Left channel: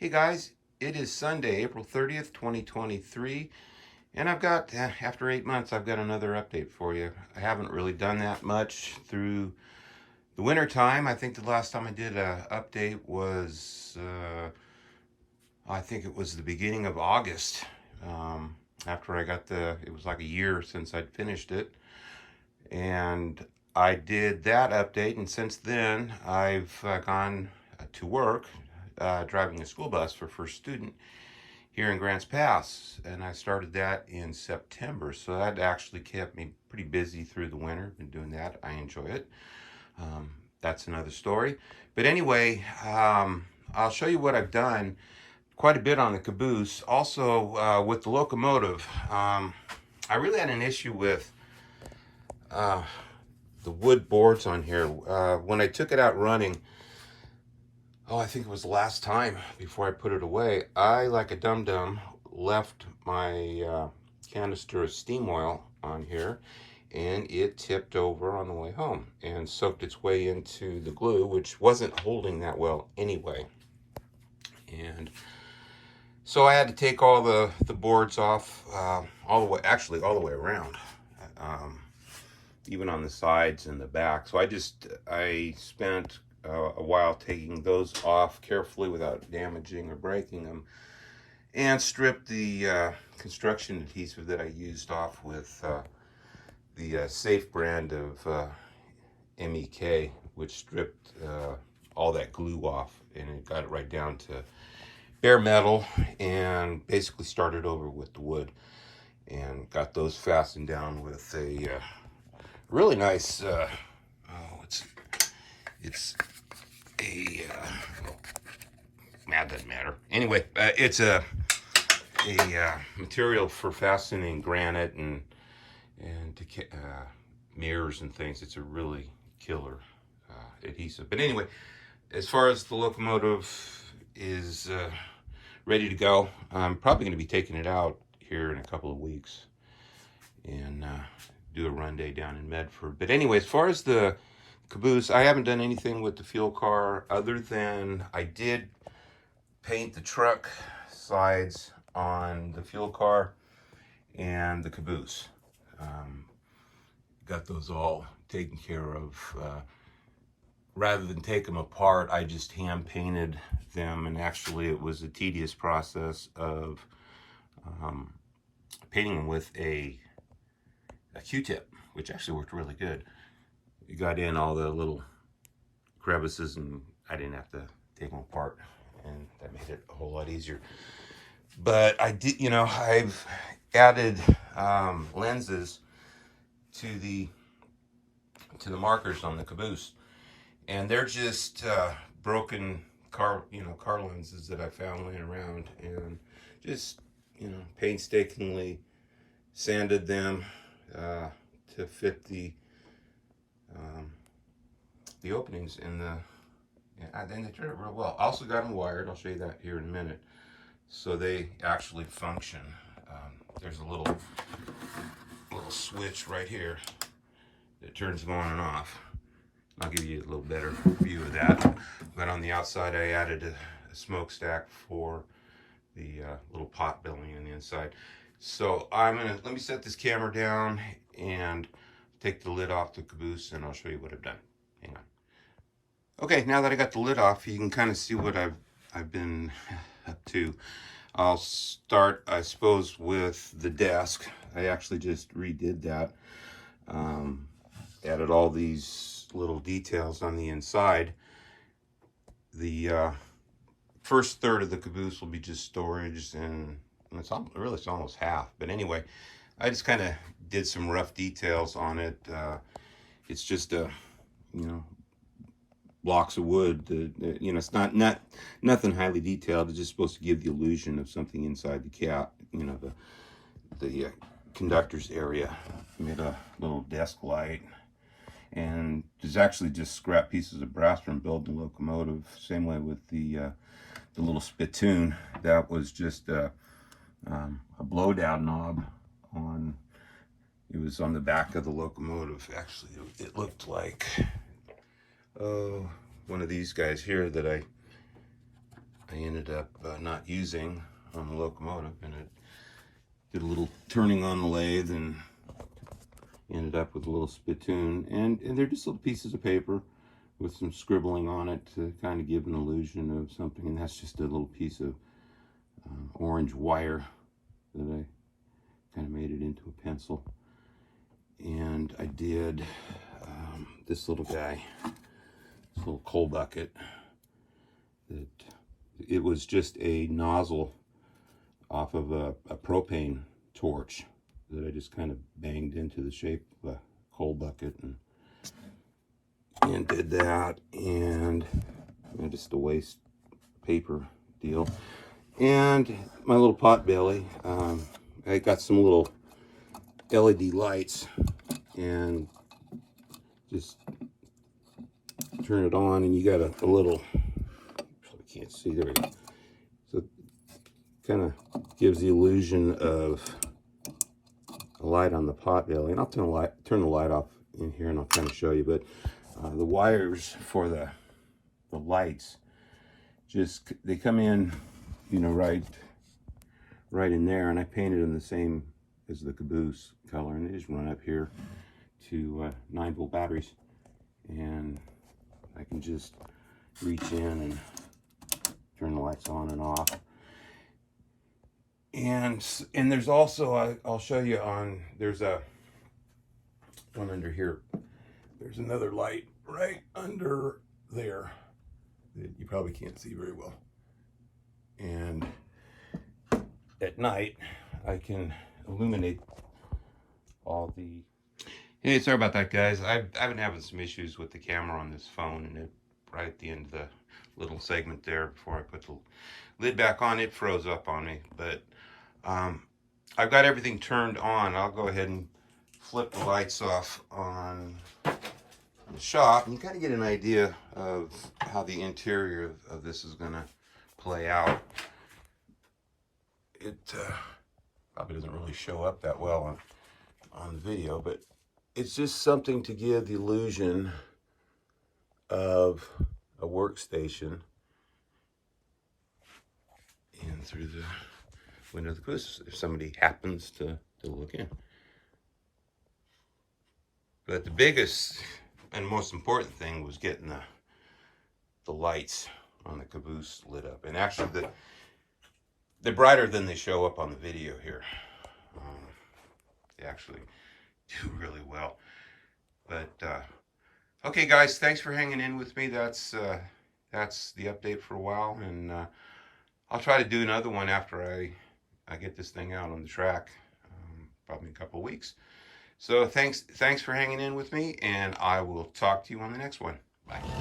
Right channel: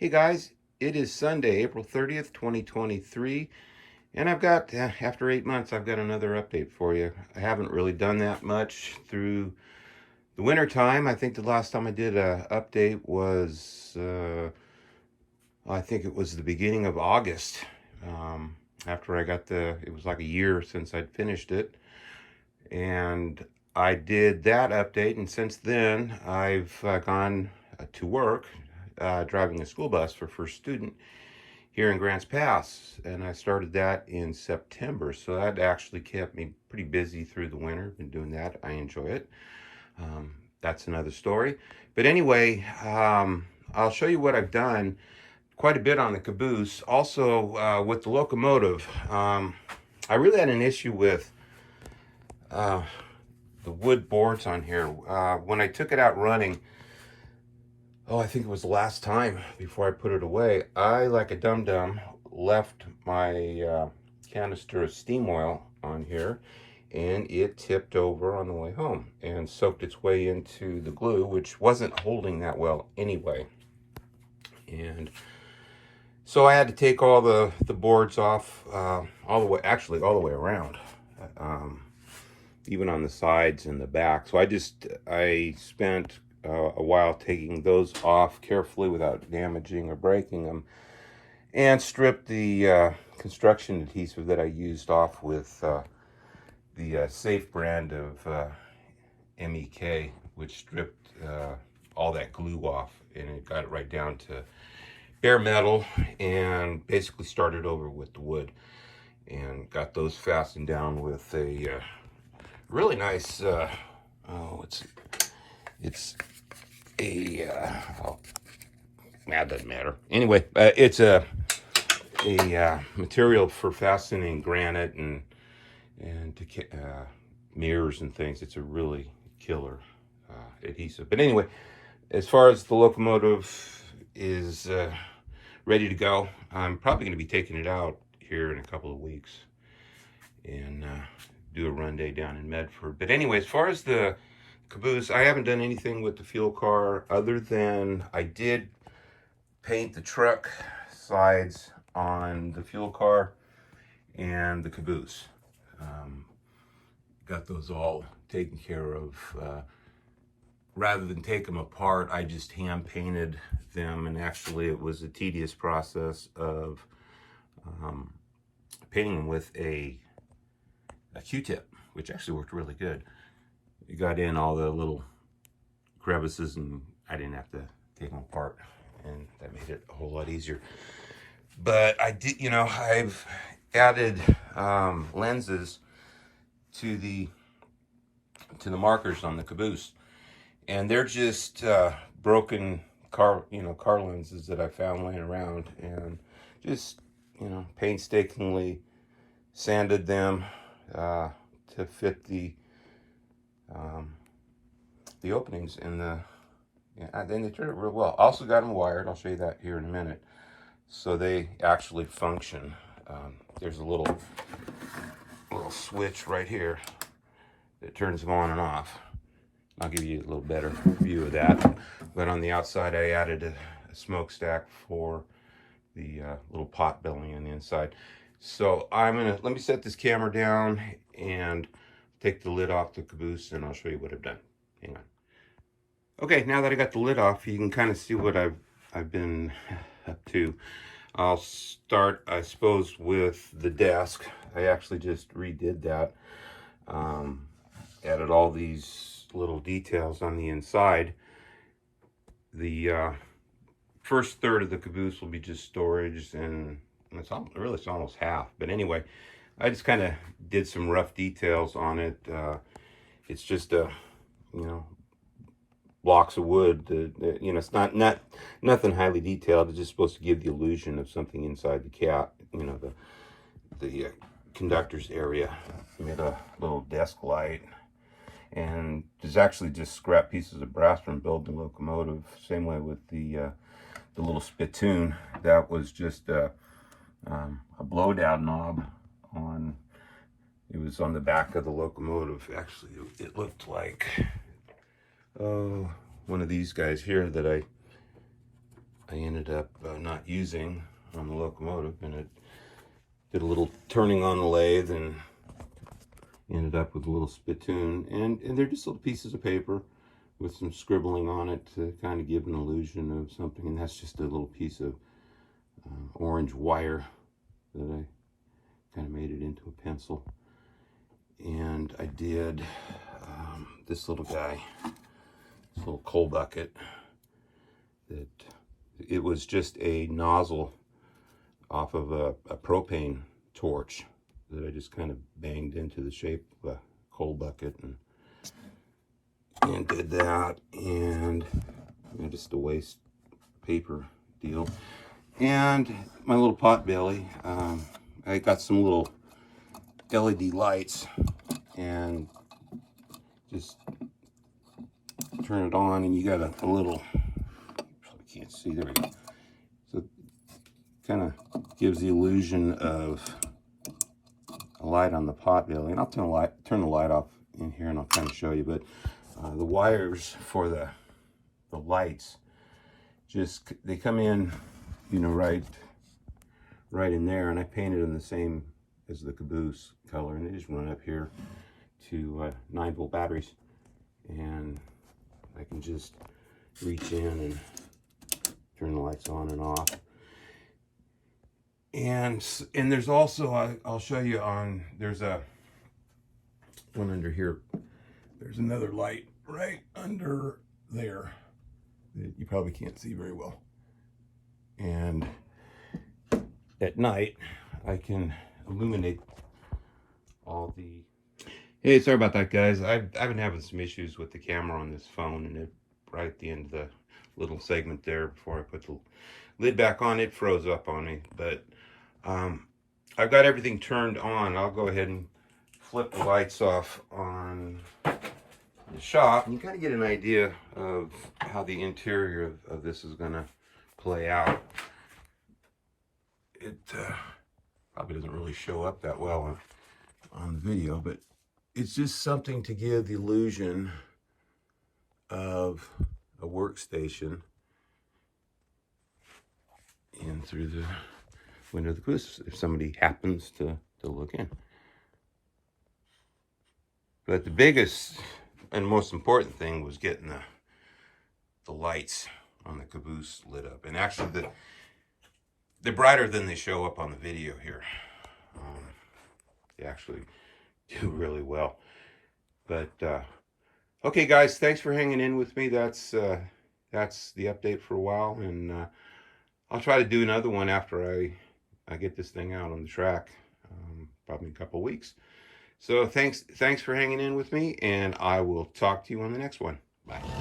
Hey guys, it is Sunday, April 30th, 2023, and I've got, after 8 months, I've got another update for you. I haven't really done that much through the winter time. I think the last time I did a update was, I think it was the beginning of August. After I got it was like a year since I'd finished it, and I did that update, and since then I've gone to work driving a school bus for First Student here in Grants Pass, and I started that in September, so that actually kept me pretty busy through the winter. Been doing that. I enjoy it. That's another story. But anyway, I'll show you what I've done. Quite a bit on the caboose. Also, with the locomotive, I really had an issue with the wood boards on here. When I took it out running, I think it was the last time before I put it away, I, like a dum-dum, left my canister of steam oil on here, and it tipped over on the way home and soaked its way into the glue, which wasn't holding that well anyway. And so I had to take all the boards off, all the way around, even on the sides and the back. So I spent a while taking those off carefully without damaging or breaking them, and stripped the construction adhesive that I used off with the Safe brand of MEK, which stripped all that glue off, and it got it right down to bare metal, and basically started over with the wood and got those fastened down with a really nice it's a that doesn't matter. Anyway, it's a material for fastening granite and mirrors and things. It's a really killer adhesive. But anyway, as far as the locomotive is ready to go, I'm probably going to be taking it out here in a couple of weeks and do a run day down in Medford. But anyway, as far as the caboose, I haven't done anything with the fuel car other than I did paint the truck sides on the fuel car and the caboose. Got those all taken care of. Rather than take them apart, I just hand painted them, and actually it was a tedious process of painting them with a Q-tip, which actually worked really good. You got in all the little crevices, and I didn't have to take them apart, and that made it a whole lot easier. But I did, I've added lenses to the markers on the caboose, and they're just broken car lenses that I found laying around, and just painstakingly sanded them to fit the openings in the. Then they turned out real well. Also got them wired. I'll show you that here in a minute. So they actually function. There's a little switch right here that turns them on and off. I'll give you a little better view of that. But on the outside, I added a smokestack for the little pot belly on the inside. So let me set this camera down and take the lid off the caboose, and I'll show you what I've done. Hang on. Okay, now that I got the lid off, you can kind of see what I've been up to. I'll start, I suppose, with the desk. I actually just redid that. Added all these little details on the inside. The first third of the caboose will be just storage, and it's almost half. But anyway, I just kind of did some rough details on it. It's just blocks of wood. It's not nothing highly detailed. It's just supposed to give the illusion of something inside the cab. The conductor's area. Made a little desk light, and there's actually just scrap pieces of brass from building the locomotive. Same way with the little spittoon. That was just a blowdown knob on. It was on the back of the locomotive. Actually, it looked like one of these guys here that I I ended up not using on the locomotive, and it did a little turning on the lathe and ended up with a little spittoon, and they're just little pieces of paper with some scribbling on it to kind of give an illusion of something. And that's just a little piece of orange wire that I kind of made it into a pencil. And I did this little guy, this little coal bucket, that it was just a nozzle off of a propane torch that I just kind of banged into the shape of a coal bucket, and did that, and just a waste paper deal. And my little pot belly, I got some little LED lights, and just turn it on, and you got a little, probably can't see, there we go. So kind of gives the illusion of a light on the pot belly. And I'll turn the light off in here, and I'll kind of show you. But the wires for the lights, just, they come in, you know, right in there, and I painted them the same as the caboose color, and they just run up here to 9-volt batteries, and I can just reach in and turn the lights on and off. And there's also, I'll show you on, there's a one under here. There's another light right under there that you probably can't see very well. And at night, I can illuminate all the... Hey, sorry about that, guys. I've been having some issues with the camera on this phone, and it, right at the end of the little segment there, before I put the lid back on, it froze up on me. But I've got everything turned on. I'll go ahead and flip the lights off on the shop, and you kind of get an idea of how the interior of this is going to play out. It probably doesn't really show up that well on the video, but it's just something to give the illusion of a workstation in through the window of the caboose, if somebody happens to look in. But the biggest and most important thing was getting the lights on the caboose lit up. And actually, they're brighter than they show up on the video here. They actually do really well. But okay, guys, thanks for hanging in with me. That's the update for a while, and I'll try to do another one after I get this thing out on the track, probably in a couple of weeks. So thanks for hanging in with me, and I will talk to you on the next one. Bye.